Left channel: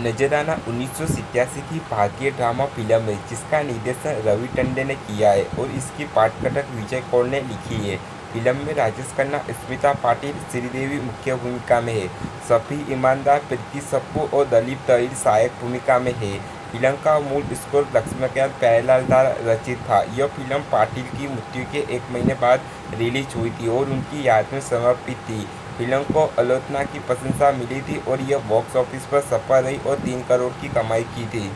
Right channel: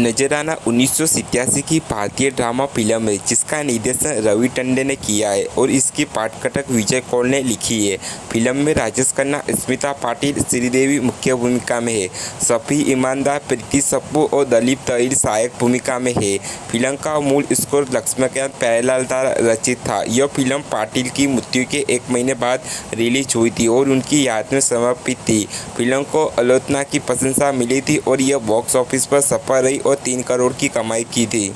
नजराना 1987 की भारतीय ड्रामा फिल्म है जिसका निर्देशन रवि टंडन ने किया है और इसकी पाठकथक विजय कौल ने लिखी है। फिल्म में राजेश खन्ना, स्मिता पाटिल, श्रीदेवी मुख्य भूमिका में है। शफी ईमानदार, प्रीति सप्पू और दिलीप तहिर सहायक भूमिका में है। फिल्म का मूल स्कोर लक्ष्मीकांत प्यारेलाल द्वारा रचित था। यह फिल्म पाटिल की मृत्यु के 1 महीने बाद रिलीज हुई थी और उनकी याद में समर्पित थी। फिल्म को आलोचना की प्रशंसा मिली थी और यह बॉक्स ऑफिस पर सफल रही और 3 करोड़ की कमाई की थी।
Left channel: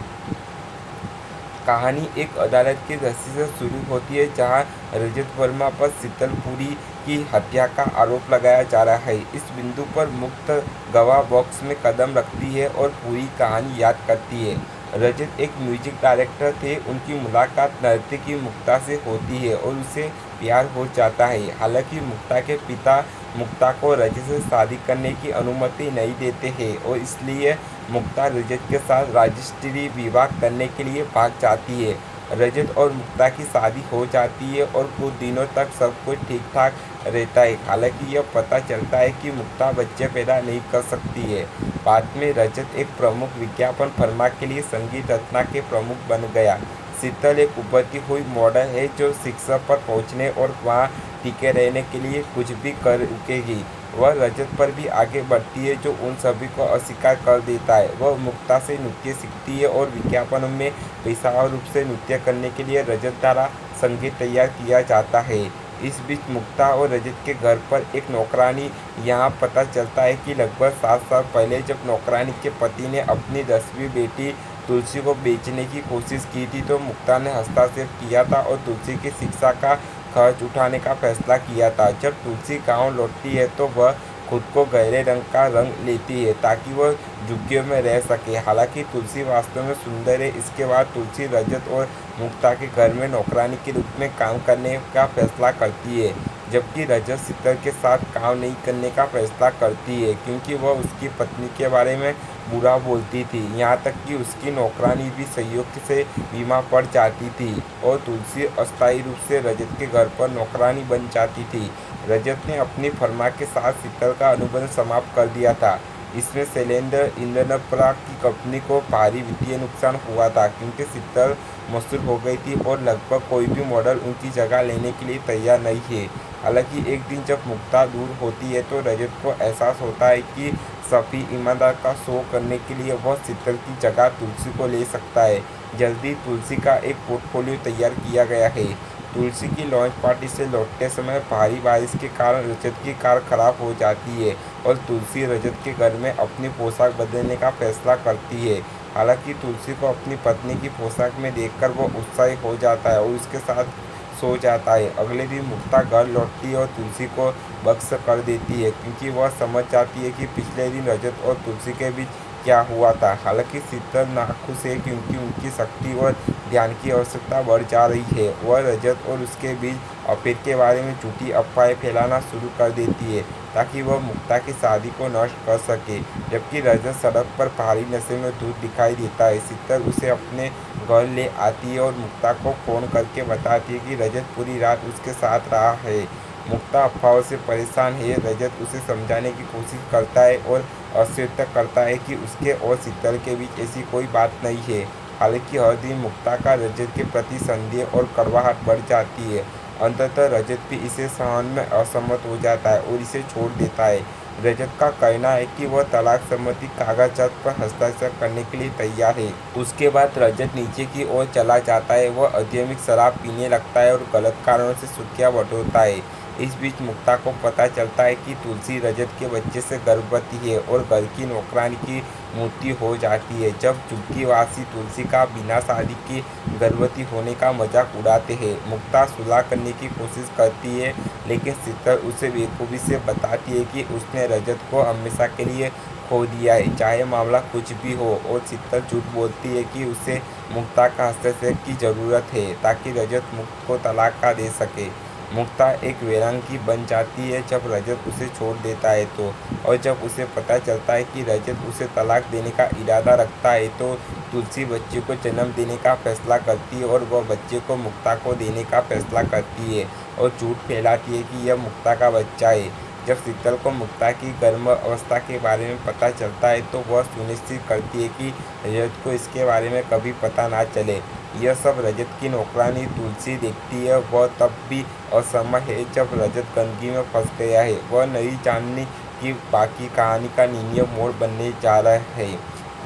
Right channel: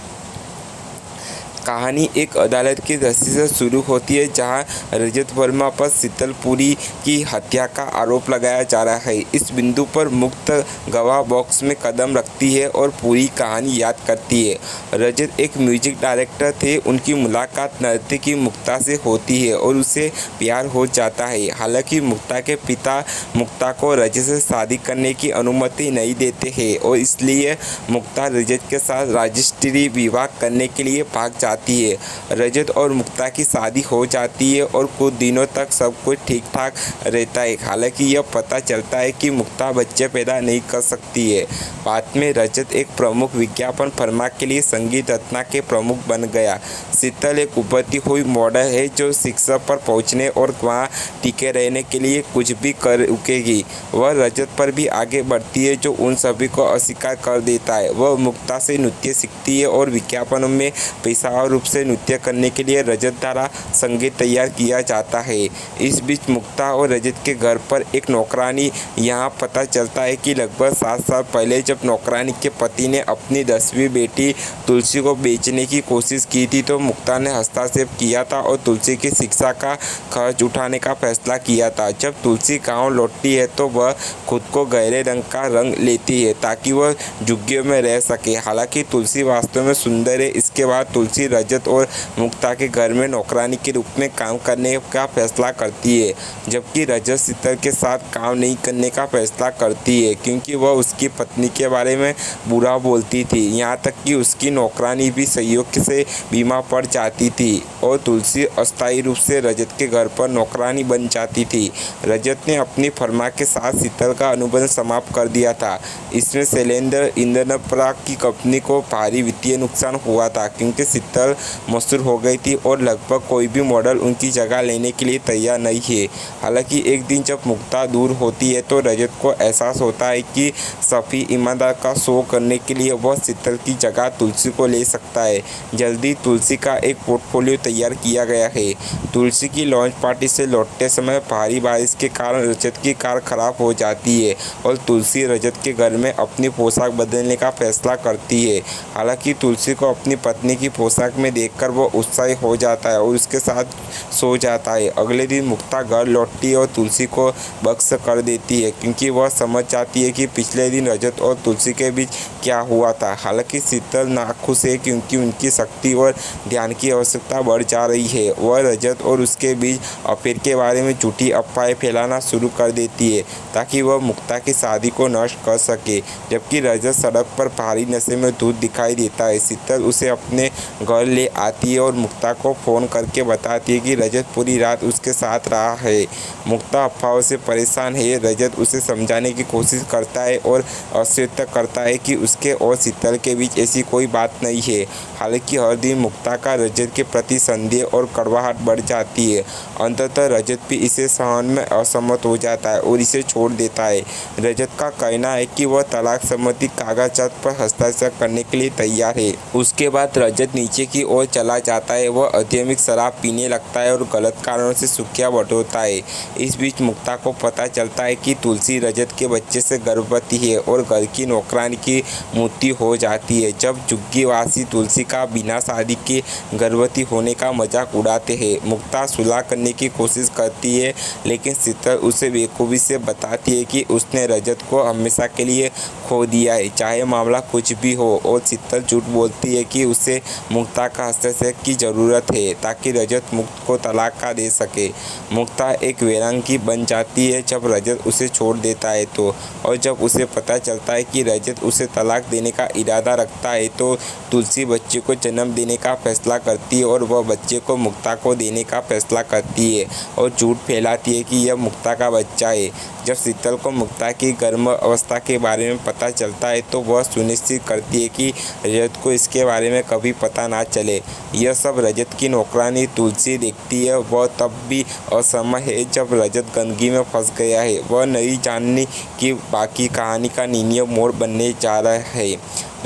कहानी एक अदालत की दृष्टि से शुरू होती है जहां रजत वर्मा पर शीतलपुरी की हत्या का आरोप लगाया जा रहा है। इस बिंदु पर मुक्त गवाह बॉक्स में कदम रखती है और पूरी कहानी याद करती है। रजत एक म्यूजिक डायरेक्टर थे। उनकी मुलाकात नर्तकी मुक्ता से होती है और उसे प्यार हो जाता है। हालांकि मुक्ता के पिता मुक्ता को रजत से शादी करने की अनुमति नहीं देते हैं और इसलिए मुक्ता रजत के साथ रजिस्ट्री विवाह करने के लिए भाग जाती है। रजत और मुक्ता की शादी हो जाती है और कुछ दिनों तक सब कुछ ठीक ठाक रहता है। हालांकि यह पता चलता है कि मुक्ता बच्चे पैदा नहीं कर सकती है। बाद में रजत एक प्रमुख विज्ञापन फर्मा के लिए संगीत रत्ना के प्रमुख बन गया। शीतल एक उभरती हुई मॉडल है जो शिक्षा पर पहुंचने और वहां टिके रहने के लिए कुछ भी कर रुकेगी। वह रजत पर भी आगे बढ़ती है जो उन सभी को अस्वीकार कर देता है। वह मुक्ता से नृत्य सीखती है और विज्ञापनों में पेशेवर रूप से नृत्य करने के लिए रजत द्वारा संगीत तैयार किया जाता है। इस बीच मुक्ता और रजत के घर पर एक नौकरानी यहाँ पता चलता है कि लगभग 7 साल पहले जब नौकरानी के पति ने अपनी 10वीं बेटी तुलसी को बेचने की कोशिश की थी तो मुक्ता ने हस्तक्षेप किया था और तुलसी की शिक्षा का खर्च उठाने का फैसला किया था। जब तुलसी गाँव लौटती है तो वह खुद को गहरे रंग का रंग लेती है ताकि वह झुग्गियों में रह सके। हालांकि तुलसी वास्तव में सुंदर है। इसके बाद तुलसी रजत और मुक्ता के घर में नौकरानी के रूप में काम करने का फैसला करती है, जबकि रजत शीतल के साथ काम नहीं करने का फैसला करती है क्योंकि वह उसकी पत्नी के बारे में बुरा बोलती थी। यहाँ तक कि उसकी नौकरानी भी सहयोग से बीमार पड़ जाती थी और तुलसी अस्थायी रूप से रजत के घर पर नौकरानी बन जाती थी। रजत ने अपनी फर्मा के साथ शीतल का अनुबंध समाप्त कर दिया था। इसमें शैलेंद्र इंद्रनपरा की कंपनी को भारी वित्तीय नुकसान हुआ था क्योंकि शीतल मशहूर हो गई थी और लगभग कोई भी मॉडल उनकी जगह लेने के लिए तैयार नहीं है। हालांकि एक दिन जब मुक्ता दूर होती है तो रजत को एहसास होता है कि शफी ईमानदार का शो करने के लिए वह शीतल की जगह तुलसी को ले सकता है। जल्दी तुलसी का एक पोर्टफोलियो तैयार किया गया है। तुलसी की लॉन्च पार्टी से लौटते समय भारी बारिश के कारण रजत की कार खराब हो जाती है और तुलसी रजत के घर में अपनी पोशाक बदलने का फैसला करती है। हालांकि तुलसी को अपनी पत्नी की पोशाक में देखकर वो उत्साहित हो जाता है और उसके साथ सो जाता है। अगले दिन मुक्ता घर लौटती है और तुलसी को बख्श कर देती है क्योंकि वह समझ जाती है कि पिछले दिन रजत और तुलसी के बीच क्या हुआ था। हालांकि शीतल नाखुश है क्योंकि उनकी शक्ति और ध्यान की आवश्यकता बढ़ जा रही है। वह रजत और उसके बीच अफेयर के बारे में झूठी अफवाहें फैलाना शुरू कर देती है ताकि वह मुक्ता की शादी को नष्ट कर सके। जबकि रजत सड़क पर भारी नशे में धूत दिखाई देता है। शीतल उसे अपने घर ले आती है और मुक्ता को फ़ोन करके बताती है कि रजत पूरी रात उसके साथ रहा है। मुक्ता अफवाहों से परेशान है। रजत उसे समझाने की कोशिश करता है और आश्वस्त करता है कि उसके और शीतल के बीच ऐसी कोई बात नहीं है। हालांकि हर दिन मुक्ता का रजत के प्रति संदेह और कड़वाहट बढ़ जाती है। अंततः रजत भी इसे सहन में असहमत हो जाता है और इसे छोड़ देता है। रजत का कहना है कि वह तलाक सम्मति कागजात पर हस्ताक्षर करने के लिए तैयार है। उसके बाद रजत नीचे की ओर चला जाता है। वह अत्यधिक शराब पीने लगता है और गलत कारणों से सुर्खियां बटोरता है। इस बीच मुक्ता को पता चलता है कि तुलसी रजत के बच्चे से गर्भवती है और घर की नौकरानी की मृत्यु हो जाती है। जब झुग्गीवासी तुलसी का बिना शादी के गर्भवती होने का मजाक उड़ाते हैं। मुक्ता सुलह करने की कोशिश करती है लेकिन शीतल उसे बेखूबी से बताती है कि उसने रजत को हमेशा के लिए खो दिया है, चाहे मामला कुछ भी हो। और शीतल झूठ बोलती है कि उसे मुक्ता का हस्तक्षेप की ज़रूरत है ताकि रजत मुक्त को तलाक का दे सके। मुक्ता एक वीरांगी बन जाती है जब रजत उसे छोड़ देता है तो, और जब उसे पता चलता है कि रजत उसे तलाक देने का इरादा रखता है तो तुलसी बच्चे को जन्म देने का फैसला करती है और वह बच्चे को मुक्ता को देने का फैसला करती है और झूठ फैलाती है कि यह मुक्ता का बच्चा है। जब शीतल को मुक्ता की गर्म अवस्था के बारे में पता चलता है तो वह सुनिश्चित करती है कि रजत को इसके बारे में कभी पता ना चले। यह सब रजत की नौकरानी तुलसी देखती है। वह तब भी असमय है जब रजत गंदगी में फंस गया है। वह नहीं जानती कि बाकी कहानी का निर्णय मोड़ बनने जा रहा है।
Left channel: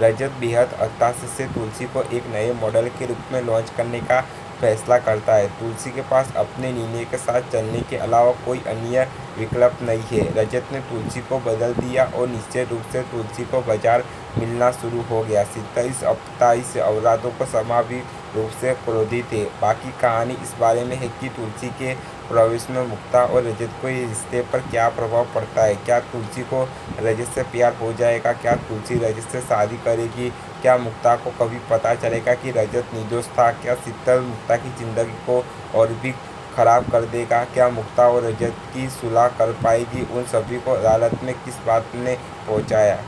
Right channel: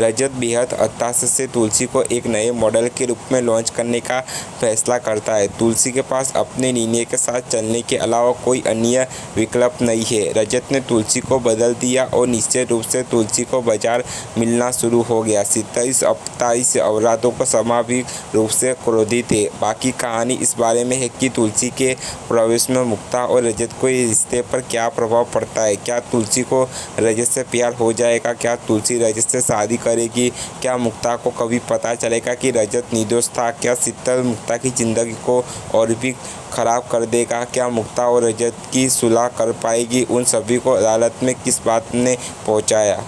रजत बेहद हताश से तुलसी को एक नए मॉडल के रूप में लॉन्च करने का फैसला करता है। तुलसी के पास अपने निर्णय के साथ चलने के अलावा कोई अन्य विकल्प नहीं है। रजत ने तुलसी को बदल दिया और निश्चित रूप से तुलसी को बाजार मिलना शुरू हो गया। शीतल इस अपराधों को स्वाभाविक रूप से क्रोधित है। बाकी कहानी इस बारे में है कि तुलसी के प्रवेश में मुक्ता और रजत को इस रिश्ते पर क्या प्रभाव पड़ता है। क्या तुलसी को रजत से प्यार हो जाएगा? क्या तुलसी रजत से शादी करेगी? क्या मुक्ता को कभी पता चलेगा कि रजत निर्दोष था? क्या शीतल मुक्ता की जिंदगी को और भी खराब कर देगा? क्या मुक्ता और रजत की सुलह कर पाएगी? उन सभी को अदालत में किस बात ने पहुंचाया?